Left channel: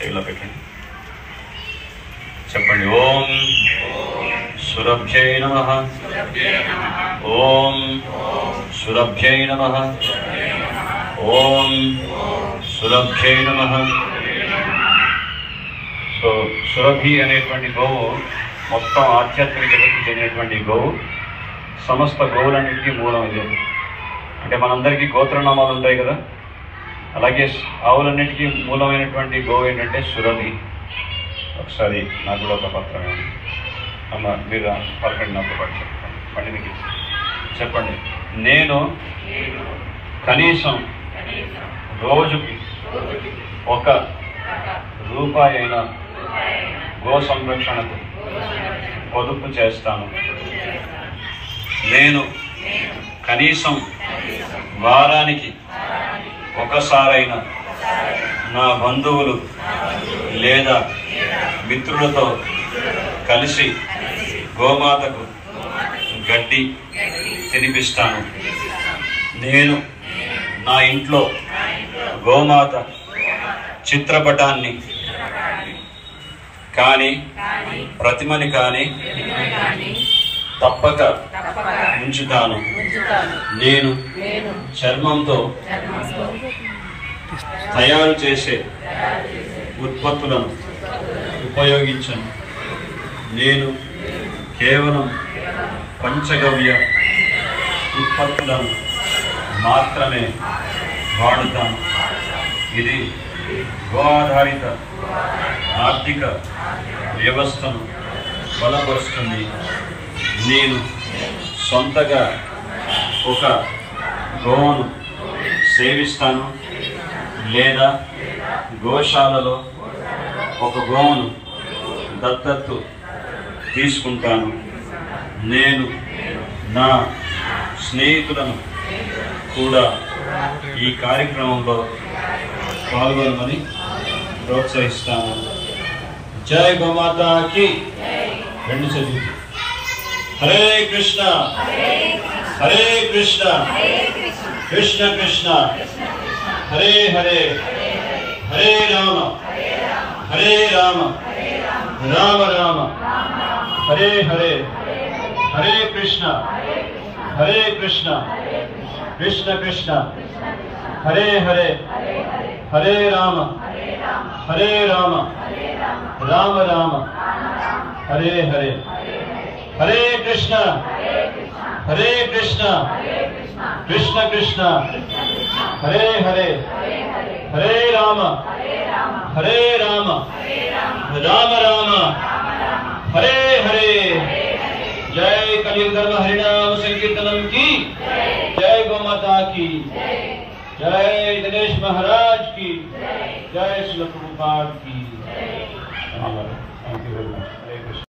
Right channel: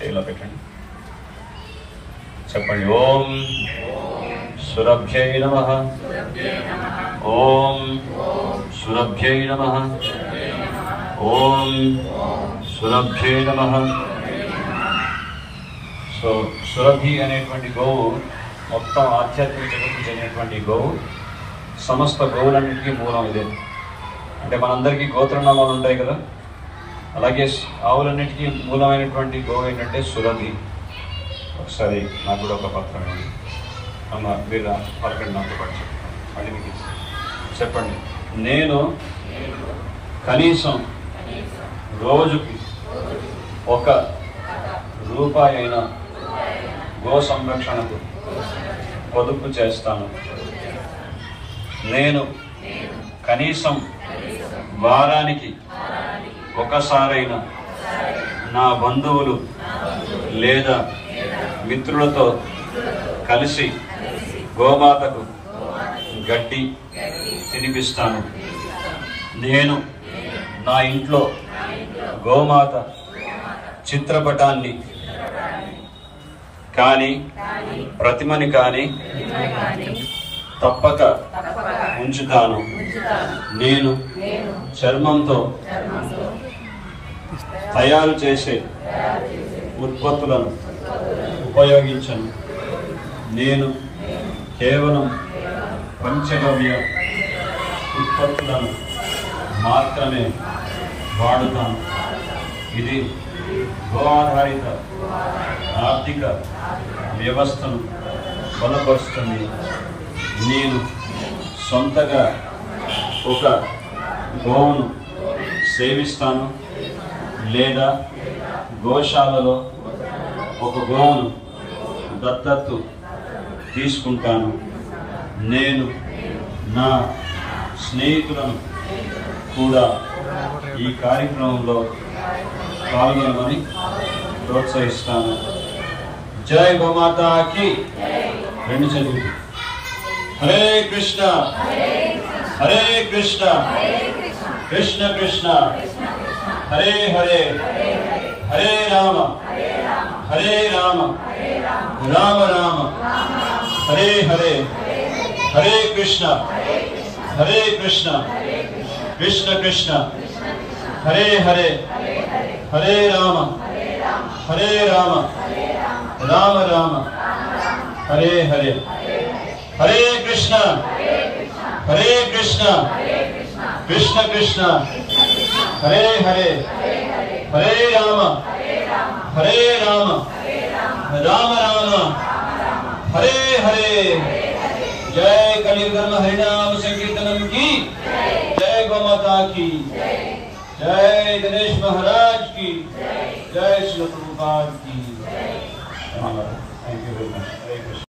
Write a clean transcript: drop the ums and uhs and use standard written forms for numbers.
చేయిలో పెట్టండి, చెప్పండి. ఓం సురభ్యై నమః, ఓం సురభ్యై నమః, ఓం సురభ్యై నమః. సో సురభి అనేటువంటి గోవు మొత్తం ఆధ్యాత్మిక జగత్తుకు చెందినటువంటి గోవు. సమస్త గోవులన్నింటికీ మూలం ఇదే. అంటే మనందరికీ గోత్రనామాలు ఉంటాయి కదా, అలాగే ఆవులన్నిటికీ మూలమైనటువంటి గోవు ఏంటంటే సురభి. ఒకసారి నాకు కూడా ఒక పత్రం ఉంది అమ్మ, మీరు పలకండి, నాతో పాటు చెప్పండి. పండితకి చెప్పండి. నేను కనీసం రోజుకి ₹1 అయినా గో సంరక్షణకు పొదుపు చేస్తాను. నేను కనీసం వారానికి ఒకసారైనా నా బంధువులు లేదా మిత్రులతో కలిసి గోమాతకు గడ్డి తినిపిస్తాను. నేను నా ఇంట్లో గోమాత చిత్రపటాన్ని కానీ ప్రతిమని కానీ తప్పక ఉంచుతాను. నేను చర్మంతో తయారు చేసే ఉత్పత్తులను ఉపయోగించను. నేను కేవలం పంచగవ్య ఉత్పత్తులను మాత్రమే వాడుతాను. ఇది గో ఆధారిత ఆర్థిక వ్యవస్థను బలపరుస్తుంది. నేను సొంతగా ఒక గోవును సేవిస్తాను లేదా గోశాలలో ఒక గోవును దత్తత్తు తీసుకుంటాను. నేను నా స్నేహితులను కూడా ఈ కార్యక్రమంలో పాల్గొనమని ప్రోత్సహిస్తాను. జై గోమాతాకి. రెండు చదివి. హరే కృష్ణ హరే కృష్ణ కృష్ణ కృష్ణ హరే హరే, హరే రామ హరే రామ రామ రామ హరే హరే, హరే కృష్ణ కృష్ణ కృష్ణ హరే హరే, హరే రామ రామ రామ హరే హరే. హరే కృష్ణ కృష్ణ కృష్ణ హరే హరే, హరే రామ రామ రామ హరే హరే. జై కలియుగ ధర్మ హరినామ సంకీర్తనం की जय, गोमाता की जय, दिनेश महाराज की जय, श्रील प्रभुपाद की। Thank you very much. Hare Krishna.